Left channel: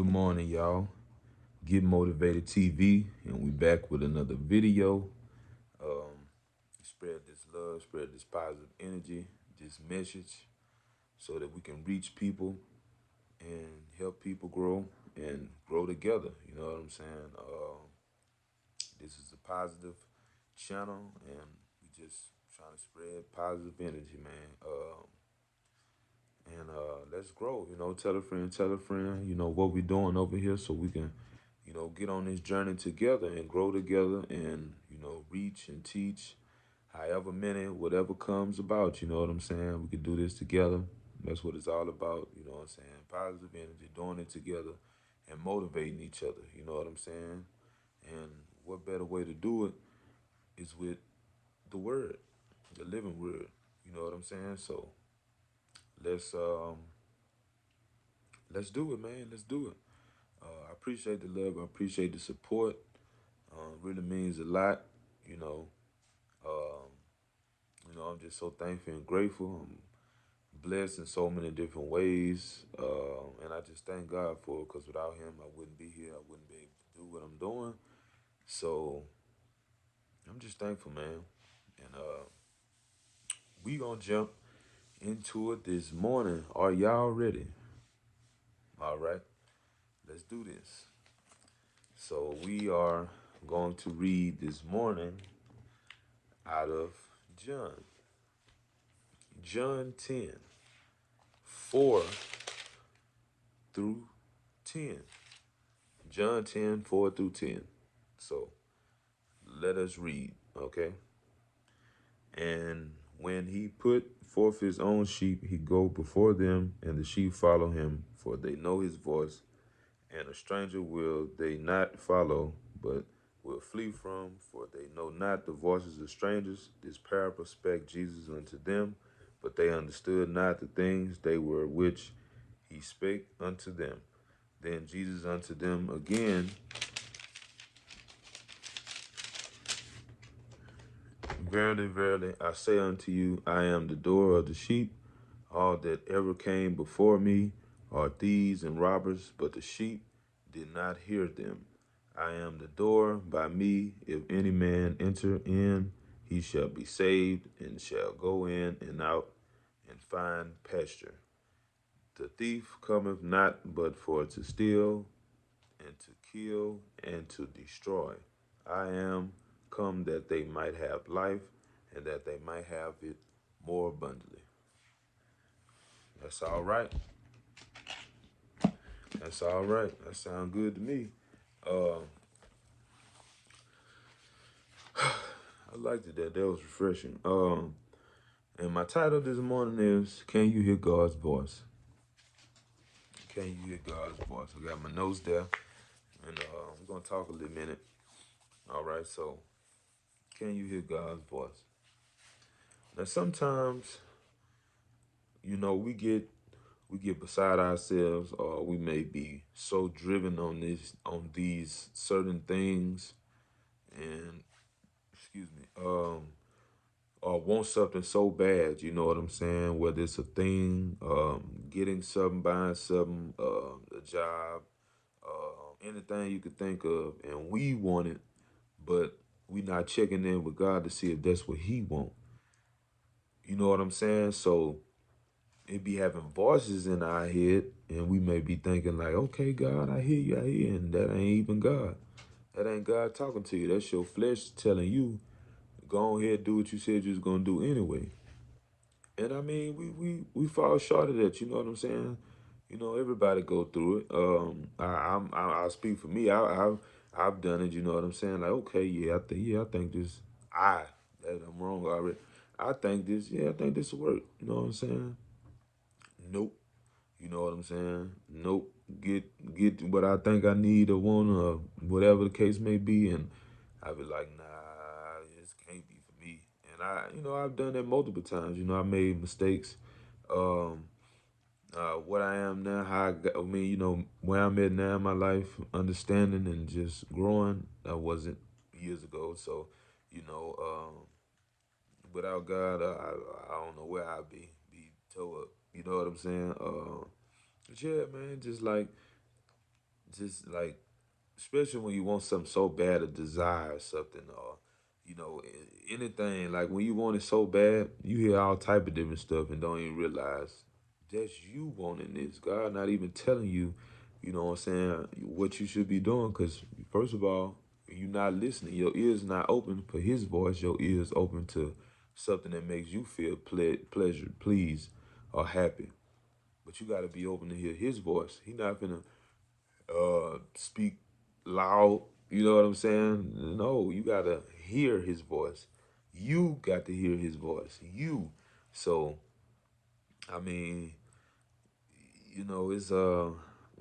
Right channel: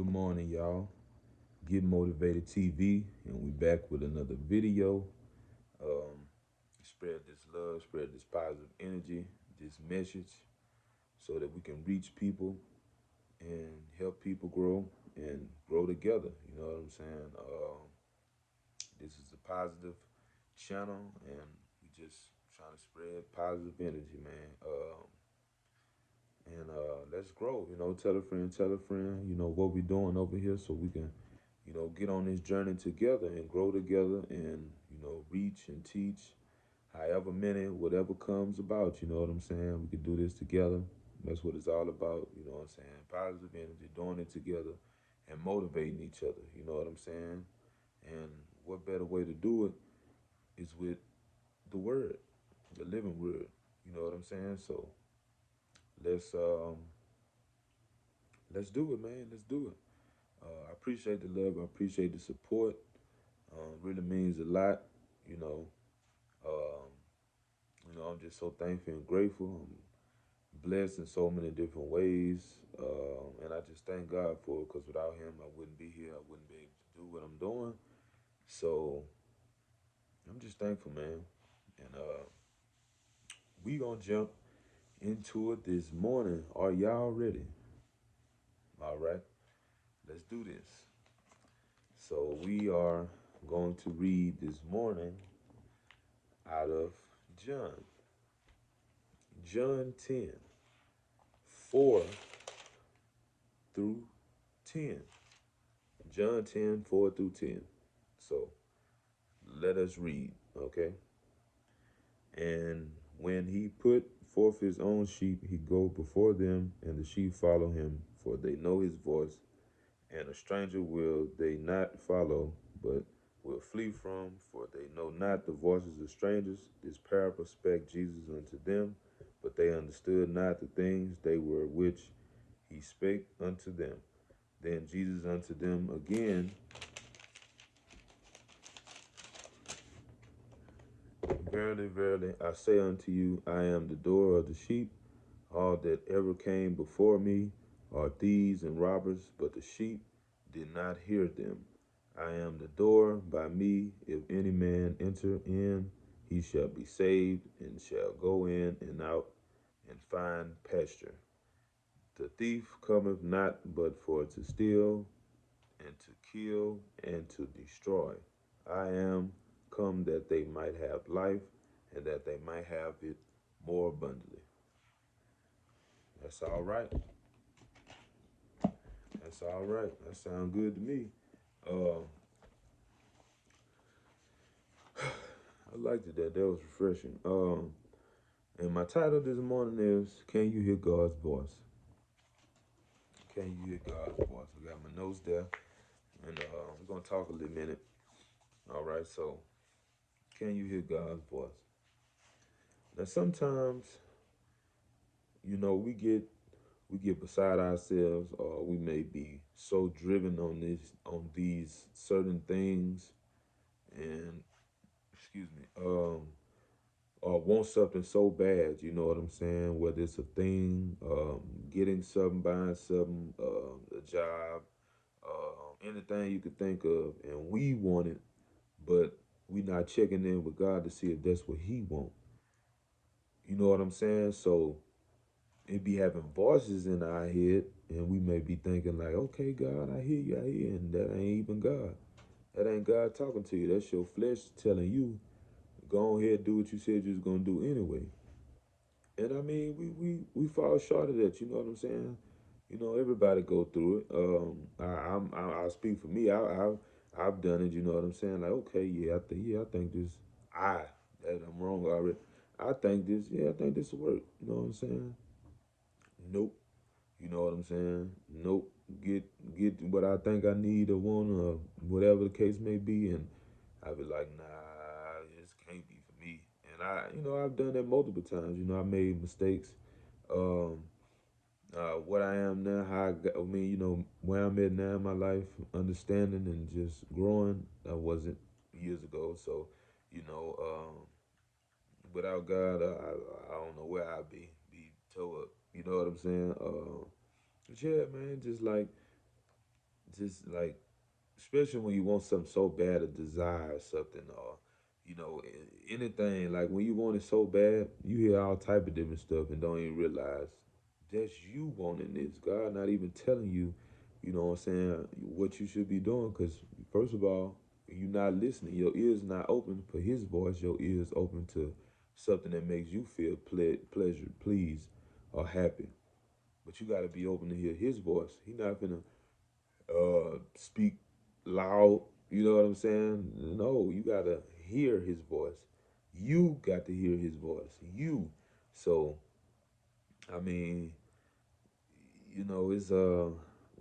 Good morning, y'all. Get Motivated TV, and we back with another video. Um, Spread this love, spread this positive energy, this message, so that we can reach people and help people grow and grow together. You know what I'm saying? This is a positive channel, and we just trying to spread positive energy, man. And let's grow. Tell a friend. You know what we're doing over here, so we can, get on this journey together and grow together, and reach and teach, however many, whatever comes about. You know what I'm saying? We can do this together. That's what it's all about. You know what I'm saying? Positive energy, doing it together, and motivating each other. You know what I'm saying? And what better way to do it is with the word, the living word. You know what I'm saying? So let's um let's do it, man. Let's do it. I appreciate the love. I appreciate the support. Really means a lot. You know, um, I'm just so thankful and grateful. I'm blessed in so many different ways, and I just thank God for it. Because without Him, I wouldn't be here. I wouldn't be able to do what I'm doing. So I'm just thankful, man. And we gonna jump into it this morning. Are y'all ready? All right, let's do this. So we are going to read this morning out of John. John 10, 4 through 10. John 10, 4 through 10. So let us read, okay? And when he put forth his own sheep, he go before them, and the sheep follow him, for they know his voice, and a stranger will they not follow, but will flee from, for they know not the voices of strangers. This parable spake Jesus unto them, but they understood not the things they were which he spake unto them. Then Jesus unto them again, Verily, verily, I say unto you, I am the door of the sheep. All that ever came before me are thieves and robbers, but the sheep did not hear them. I am the door. By me, if any man enter in, he shall be saved, and shall go in and out and find pasture. The thief cometh not but for to steal, and to kill, and to destroy. I am come that they might have life, and that they might have it more abundantly. That's all right. That's all right. That sounds good to me. Uh, I liked it. That was refreshing. And my title this morning is "Can You Hear God's Voice?" Can you hear God's voice? I got my notes there, and we're gonna talk a little minute. All right. So, can you hear God's voice? Now, sometimes we get beside ourselves, or we may be so driven on these certain things, and excuse me, or want something so bad. You know what I'm saying? Whether it's a thing, getting something, buying something, a job, anything you could think of, and we want it, but we not checking in with God to see if that's what He want. You know what I'm saying? So it be having voices in our head, and we may be thinking like, okay, God, I hear you, and that ain't even God. That ain't God talking to you. That's your flesh telling you, go ahead, do what you said you was gonna do anyway. And I mean, we fall short of that. You know what I'm saying? Everybody go through it. I'll speak for me. I've done it. You know what I'm saying? Like, okay, I think this. That I'm wrong already. I think this. Yeah, I think this will work. You know what I'm saying? Nope. You know what I'm saying? Nope. Get what I think I need or want or whatever the case may be, and I be like, nah, this can't be for me. And I've done that multiple times. I made mistakes. Um, what I am now, I mean, where I'm at now in my life, understanding and just growing. I wasn't years ago. So, you know, um, without God, I don't know where I'd be toe up. You know what I'm saying? But yeah, man, just like just like, especially when you want something so bad, or desire something, or anything. Like when you want it so bad, you hear all type of different stuff and don't even realize that's you wanting this. God not even telling you, you know what I'm saying, what you should be doing. Because first of all, you're not listening. Your ears not open for His voice. Your ears open to something that makes you feel pleasure, pleased, or happy. But you got to be open to hear His voice. He not gonna speak loud. You know what I'm saying? No, you gotta hear His voice. You got to hear His voice. You. So I mean, it's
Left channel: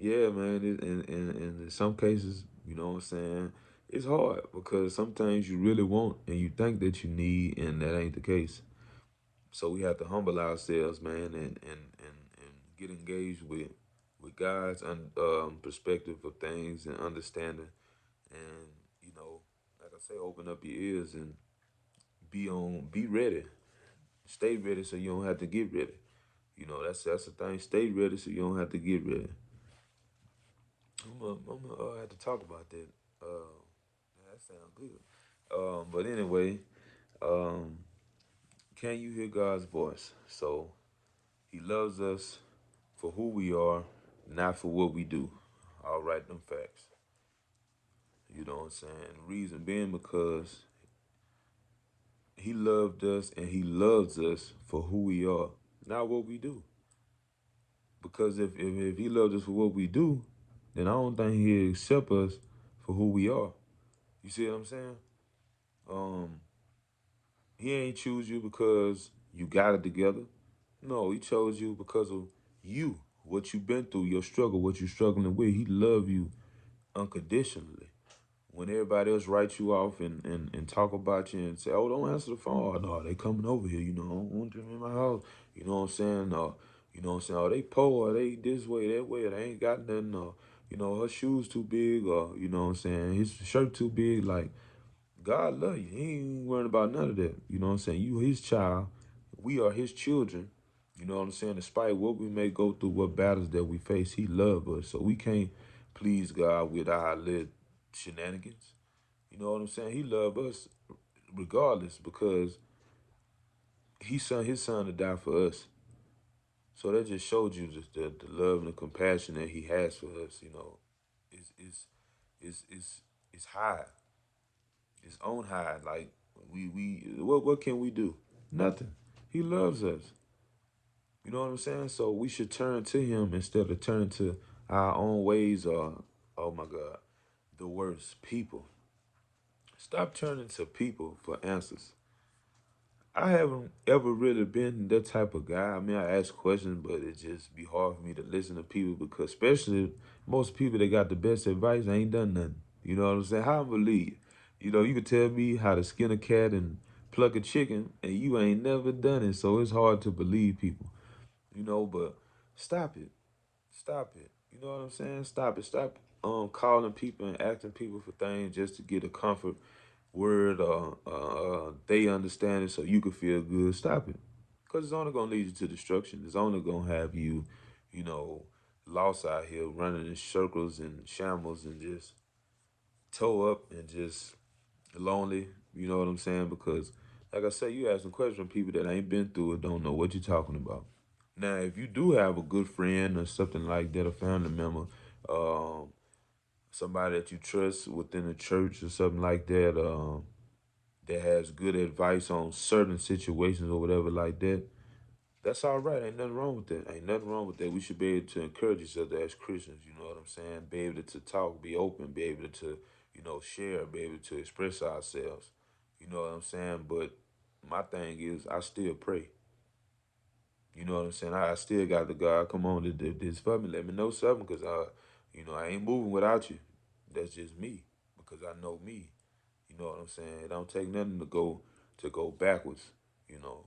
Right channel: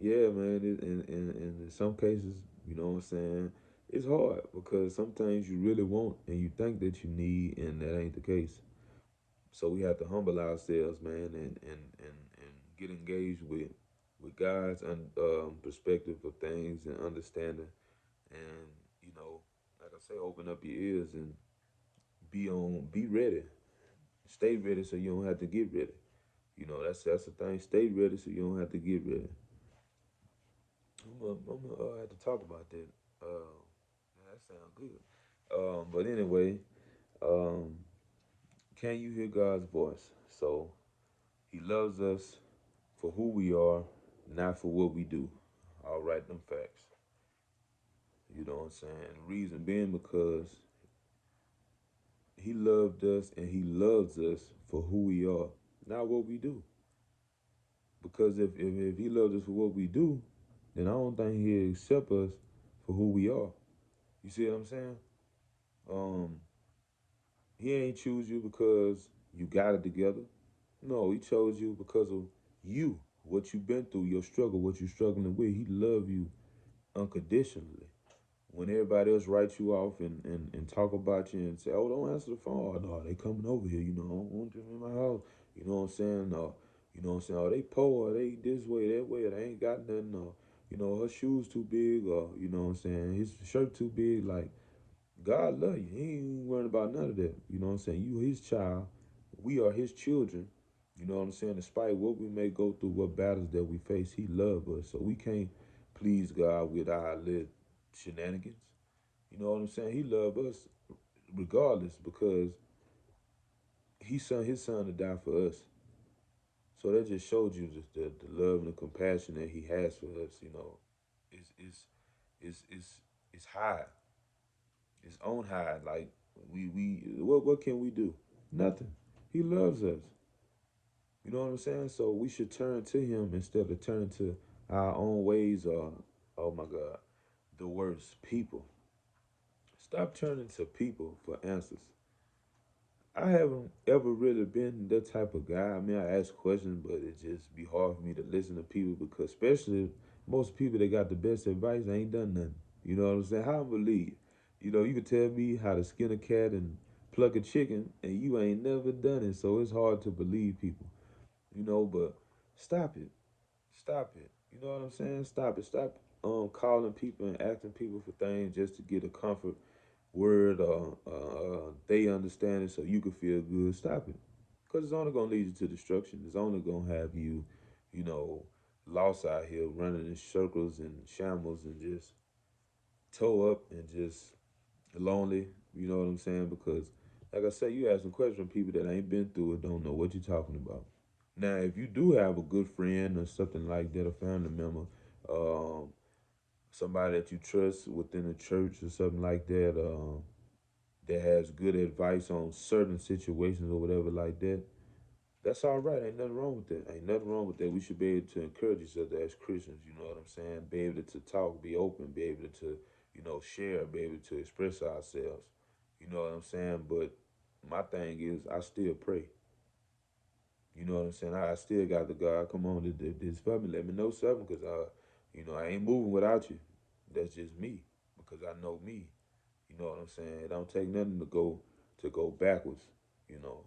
yeah, man. In some cases, you know what I'm saying, it's hard because sometimes you really want and you think that you need, and that ain't the case. So we have to humble ourselves, man, and get engaged with God's perspective of things and understanding, and like I say, open up your ears and be ready, stay ready, so you don't have to get ready. That's the thing. Stay ready so you don't have to get ready. I'm gonna have to talk about that. That sounds good. But anyway, um, can you hear God's voice? So He loves us for who we are, not for what we do. I'll write them facts. You know what I'm saying? Reason being because He loved us and He loves us for who we are, not what we do. Because if He loved us for what we do, then I don't think He'll accept us for who we are. You see what I'm saying? Um, He ain't choose you because you got it together. No, He chose you because of you, what you've been through, your struggle, what you're struggling with. He loved you unconditionally. When everybody else writes you off and talk about you and say, oh, don't answer the phone. Oh, no, they coming over here, I don't want them in my house. You know what I'm saying? You know what I'm saying? Oh, they poor, they this way, that way, they ain't got nothing, or, her shoes too big, or, you know what I'm saying, his shirt too big. Like, God love you. He ain't worrying about none of that. You know what I'm saying? You His child. We are His children. You know what I'm saying? Despite what we may go through, what battles that we face, He love us. So we can't please God with our little shenanigans. You know what I'm saying? He love us regardless because He sent His Son to die for us. So that just showed you just the love and the compassion that He has for us. It's it's it's high. It's on high. Like we what can we do? Nothing. He loves us. You know what I'm saying? So we should turn to Him instead of turning to our own ways, or, oh my God, the worst, people. Stop turning to people for answers. I haven't ever really been that type of guy. I mean, I ask questions, but it just be hard for me to listen to people because, especially most people that got the best advice, ain't done nothing. You know what I'm saying? How I believe? You could tell me how to skin a cat and pluck a chicken, and you ain't never done it. So it's hard to believe people. But stop it. Stop it. You know what I'm saying? Stop it. Stop calling people and asking people for things just to get a comfort word, or they understand it so you can feel good. Stop it. Because it's only going to lead you to destruction. It's only going to have you, you know, lost out here running in circles and shambles and just toe up and just lonely. You know what I'm saying? Because, like I say, you asking questions from people that ain't been through it, don't know what you're talking about. Now, if you do have a good friend or something like that, a family member, um, somebody that you trust within the church or something like that, that has good advice on certain situations or whatever like that, that's all right. Ain't nothing wrong with that. Ain't nothing wrong with that. We should be able to encourage each other as Christians. You know what I'm saying? Be able to talk, be open, be able to, share, be able to express ourselves. You know what I'm saying? But my thing is, I still pray. You know what I'm saying? I still got the God. Come on, this for me. Let me know something, cause I ain't moving without you. That's just me, because I know me. You know what I'm saying? It don't take nothing to go backwards. You know,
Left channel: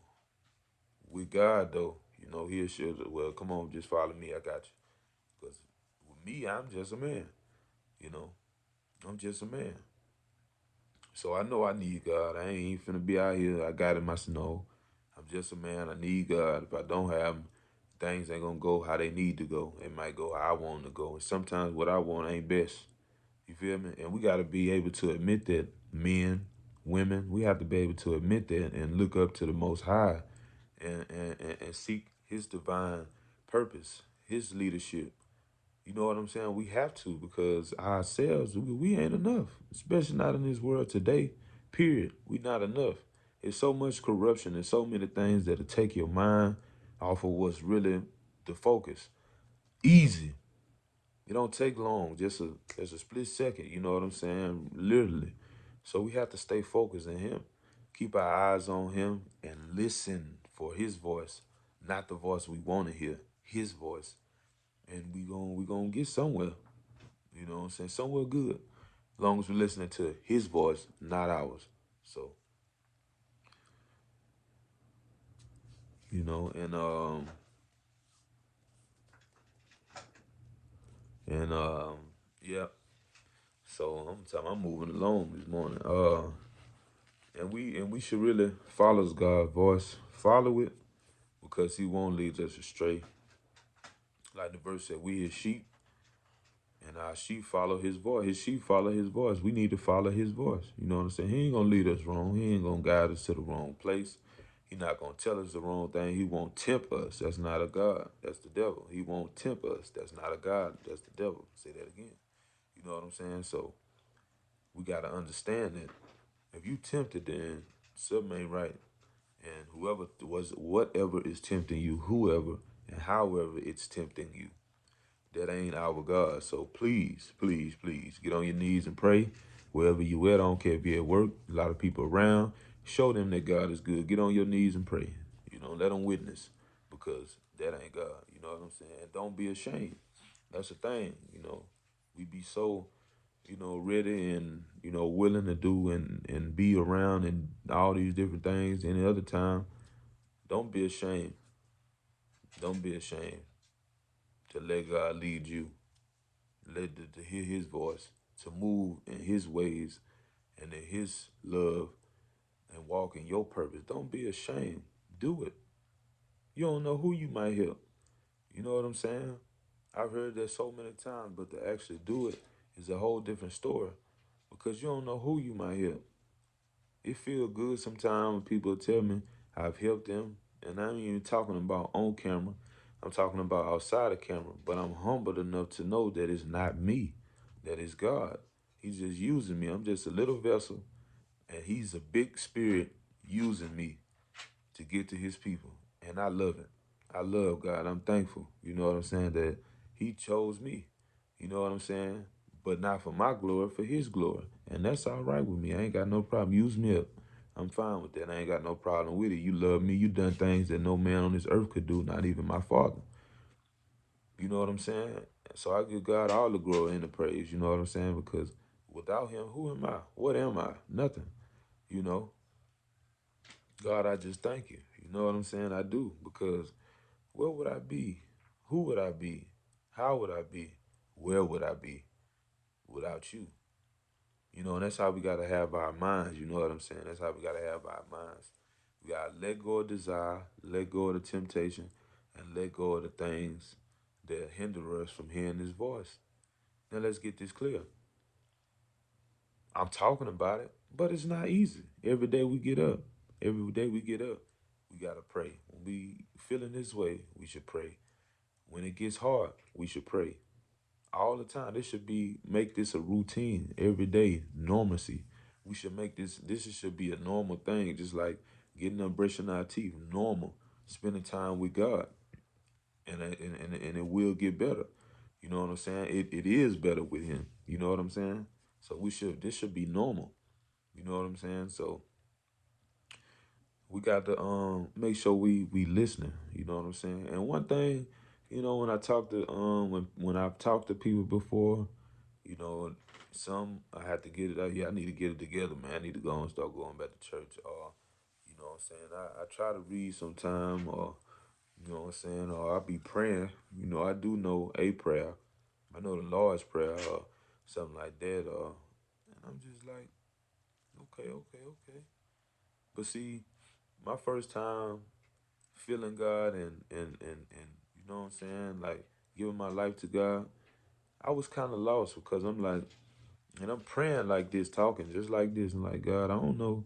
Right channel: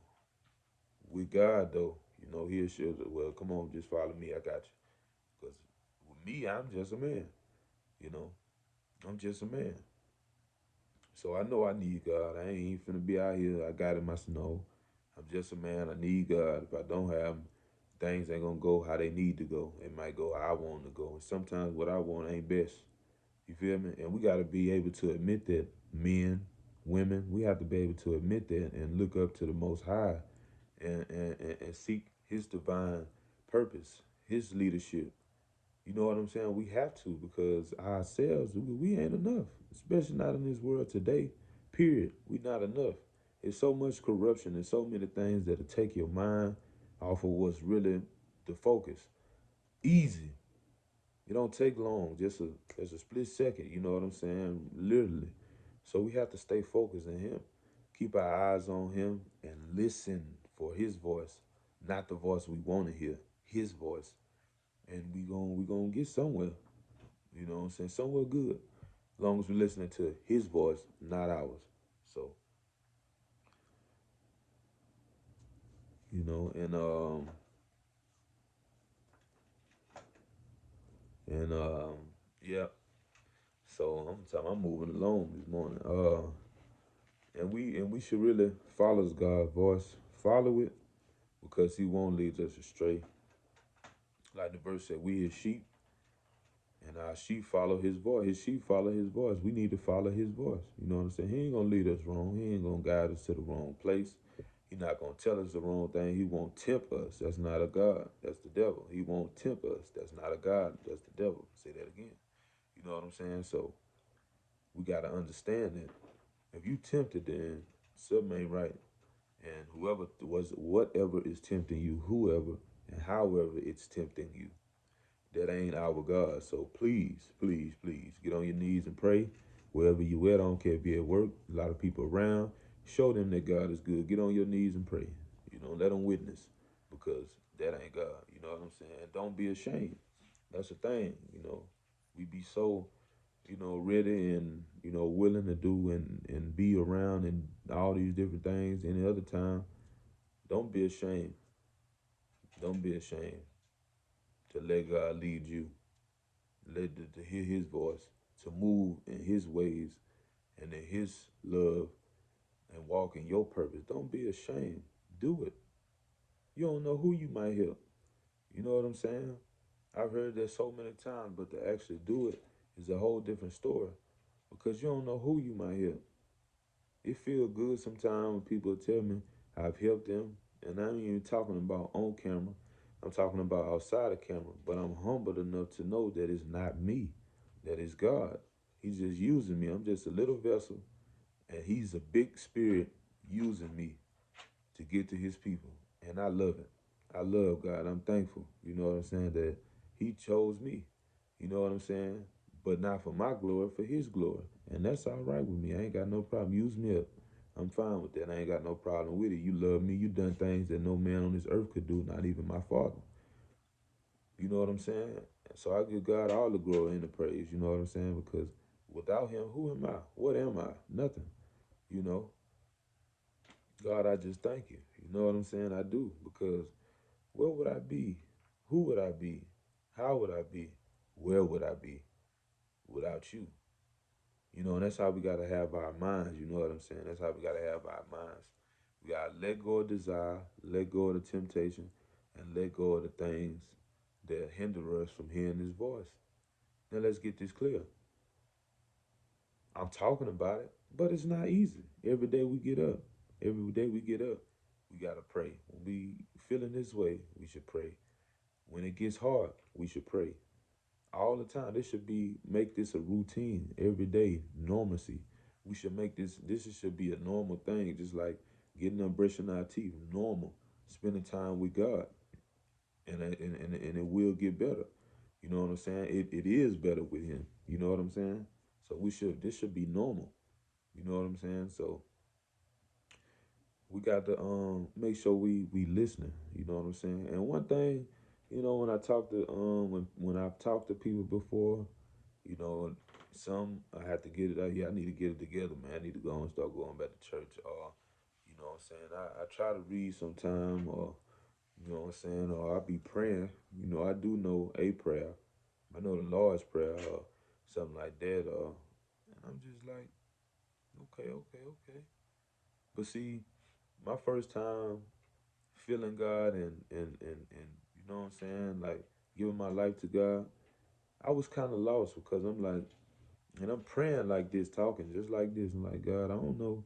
with God though, He'll show that. Well, come on, just follow me. I got you. Cause with me, I'm just a man. You know, I'm just a man. So I know I need God. I ain't finna be out here. I got him. I said no. I'm just a man. I need God. If I don't have him, things ain't gonna go how they need to go. It might go how I want to go. And sometimes what I want ain't best. You feel me? And we gotta be able to admit that, men, women, we have to be able to admit that and look up to the most high and seek his divine purpose, his leadership. You know what I'm saying? We have to, because ourselves, we ain't enough, especially not in this world today. Period. We not enough. There's so much corruption and so many things that'll take your mind off of what's really the focus. Easy. It don't take long, just a split second. You know what I'm saying? Literally. So we have to stay focused on him, keep our eyes on him, and listen for his voice, not the voice we want to hear. His voice, and we gonna get somewhere. You know what I'm saying? Somewhere good. As long as we're listening to his voice, not ours. So, you know, and yeah. So I'm moving along this morning. And we should really follow God's voice. Follow it because he won't lead us astray. Like the verse said, we his sheep, and our sheep follow his voice. His sheep follow his voice. We need to follow his voice. You know what I'm saying? He ain't gonna lead us wrong. He ain't gonna guide us to the wrong place. He not gonna tell us the wrong thing. He won't tempt us. That's not a God. That's the devil. He won't tempt us. That's not a God. That's the devil. Say that again. You know what I'm saying? So we gotta understand that if you tempted, then something ain't right. And whoever was whatever is tempting you, whoever and however it's tempting you, that ain't our God. So please, please, please get on your knees and pray. Wherever you at, I don't care if you're at work, a lot of people around, show them that God is good. Get on your knees and pray. You know, let them witness, because that ain't God. You know what I'm saying? Don't be ashamed. That's the thing, you know. We be so, ready and, willing to do and be around and all these different things. Any other time, don't be ashamed. Don't be ashamed to let God lead you. To hear his voice, to move in his ways and in his love and walk in your purpose. Don't be ashamed. Do it. You don't know who you might help. You know what I'm saying? I've heard that so many times, but to actually do it is a whole different story, because you don't know who you might help. It feels good sometimes when people tell me I've helped them, and I ain't even talking about on camera. I'm talking about outside of camera. But I'm humbled enough to know that it's not me, that it's God. He's just using me. I'm just a little vessel, and He's a big spirit using me to get to His people, and I love it. I love God. I'm thankful. You know what I'm saying? That He chose me. You know what I'm saying? But not for my glory, for his glory. And that's all right with me. I ain't got no problem. Use me up. I'm fine with that. I ain't got no problem with it. You love me. You done things that no man on this earth could do, not even my father. You know what I'm saying? So I give God all the glory and the praise. You know what I'm saying? Because without him, who am I? What am I? Nothing. You know? God, I just thank you. You know what I'm saying? I do. Because where would I be? Who would I be? How would I be? Where would I be without you? You know, and that's how we gotta have our minds. You know what I'm saying? That's how we gotta have our minds. We gotta let go of desire, let go of the temptation, and let go of the things that hinder us from hearing His voice. Now let's get this clear. I'm talking about it, but it's not easy. Every day we get up, we gotta pray. When we feeling this way, we should pray. When it gets hard, we should pray all the time. This should be make this a routine every day, normalcy. We should make this should be a normal thing, just like getting up, brushing our teeth, normal. Spending time with God, and it will get better. You know what I'm saying? It is better with Him. You know what I'm saying? So this should be normal. You know what I'm saying? So we got to make sure we listening. You know what I'm saying? And one thing, when I talk to when I've talked to people before, you know, some I have to get it out. Yeah, I need to get it together, man. I need to go and start going back to church. Or, you know what I'm saying? I try to read sometime, or, you know what I'm saying? Or I be praying. You know, I do know a prayer. I know the Lord's Prayer, or something like that. And I'm just like, okay, okay, okay. But see, my first time feeling God and You know what I'm saying? Like giving my life to God. I was kind of lost because I'm like, and I'm praying like this, talking just like this, and like God, I don't know,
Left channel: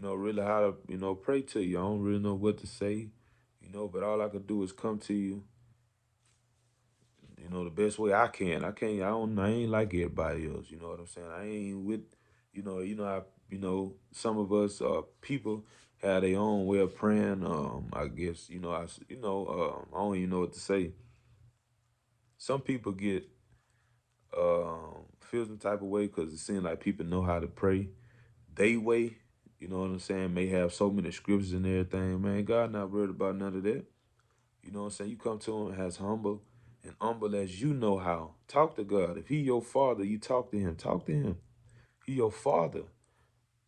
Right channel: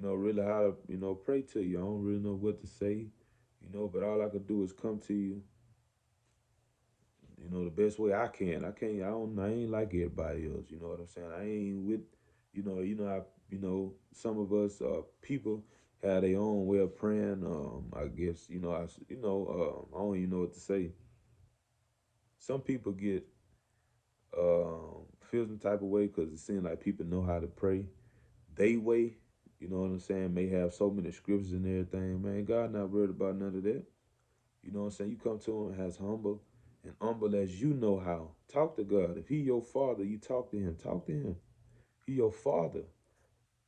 really how to, pray to you. I don't really know what to say, but all I could do is come to you, the best way I can. I ain't like everybody else. You know what I'm saying? I ain't with, how, some of us people have their own way of praying. I guess, I don't even know what to say. Some people get feel some type of way because it seems like people know how to pray they way. You know what I'm saying? May have so many scriptures and everything. Man, God not worried about none of that. You know what I'm saying? You come to him as humble and humble as you know how. Talk to God. If he your father, you talk to him. Talk to him. He your father.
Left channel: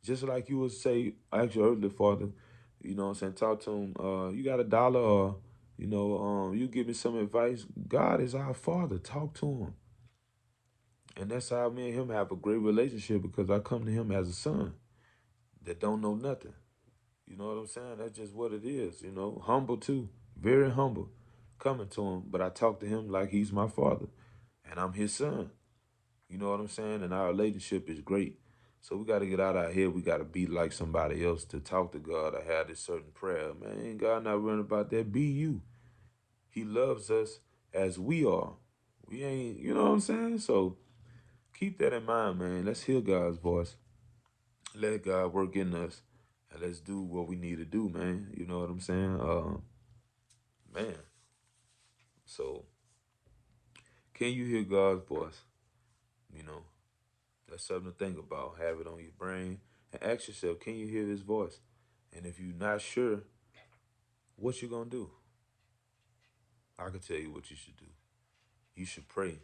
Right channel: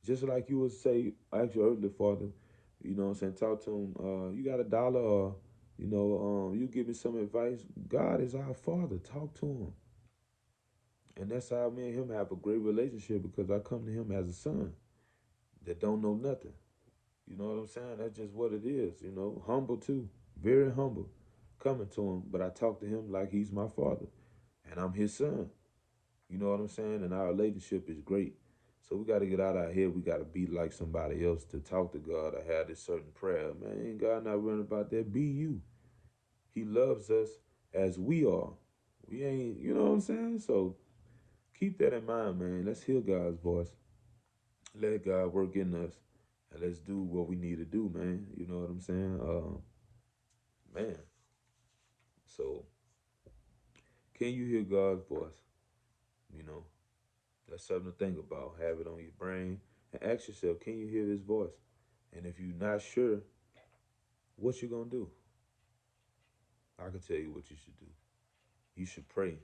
Just like you would say, ask your earthly father, you know what I'm saying? Talk to him. You got a dollar or, you give me some advice. God is our father. Talk to him. And that's how me and him have a great relationship because I come to him as a son that don't know nothing. You know what I'm saying? That's just what it is, Humble too. Very humble. Coming to him. But I talk to him like he's my father. And I'm his son. You know what I'm saying? And our relationship is great. So we gotta get out our head. We gotta be like somebody else to talk to God or have this certain prayer. Man, ain't God not running about that? Be you. He loves us as we are. We ain't, you know what I'm saying? So keep that in mind, man. Let's hear God's voice. Let God work in us. And let's do what we need to do, man. You know what I'm saying? Man. So can you hear God's voice? You know, that's something to think about. Have it on your brain and ask yourself, can you hear his voice? And if you're not sure, what you gonna do? I can tell you what you should do. You should pray.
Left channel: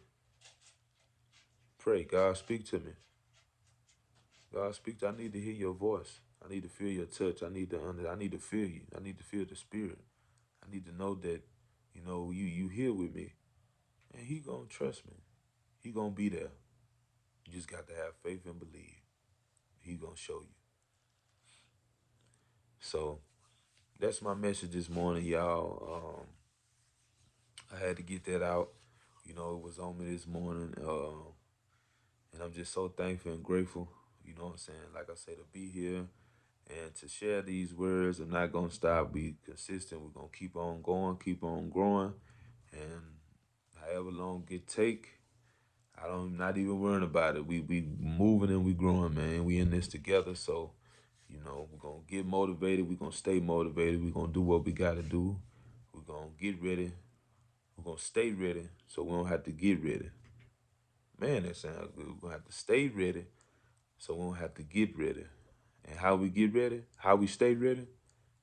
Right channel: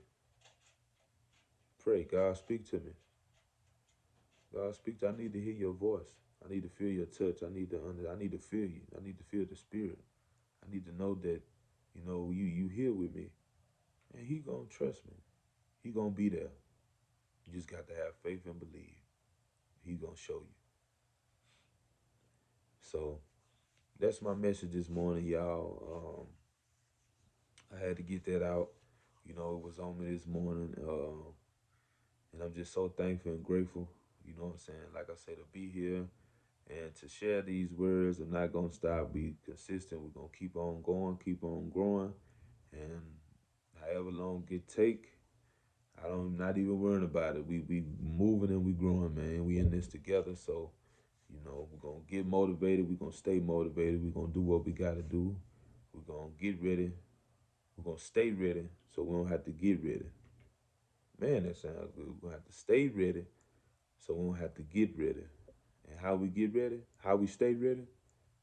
Pray. God, speak to me. God, speak to. I need to hear your voice. I need to feel your touch. I need to feel you. I need to feel the spirit. I need to know that, you here with me. And he gonna trust me. He gonna be there. You just got to have faith and believe. He gonna show you. So that's my message this morning, y'all. I had to get that out. It was on me this morning. And I'm just so thankful and grateful, you know what I'm saying? Like I say, to be here and to share these words. I'm not going to stop, be consistent. We're going to keep on going, keep on growing. And however long it take, not even worrying about it. We moving and we growing, man. We in this together. So, we're going to get motivated. We're going to stay motivated. We're going to do what we got to do. We're going to get ready. We're going to stay ready so we don't have to get ready. Man, that sounds good. We're going to have to stay ready so we don't have to get ready. And how we get ready, how we stay ready,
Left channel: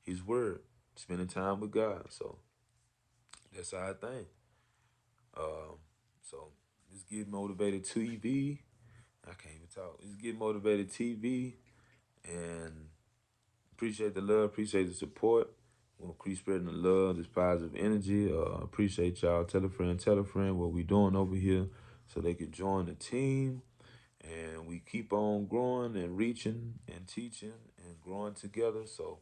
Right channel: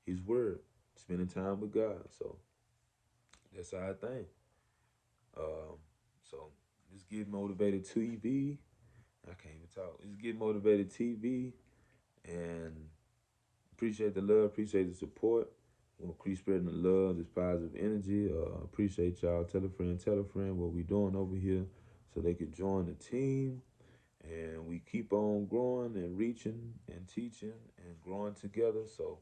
his word, spending time with God. So that's our thing. Um, so let's get motivated TV. I can't even talk. Let's get motivated TV and appreciate the love, appreciate the support. We'll keep spreading the love, this positive energy. Appreciate y'all. Tell a friend what we doing over here so they can join the team. And we keep on growing and reaching and teaching and growing together. So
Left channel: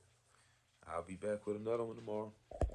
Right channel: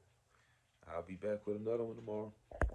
I'll be back with another one tomorrow.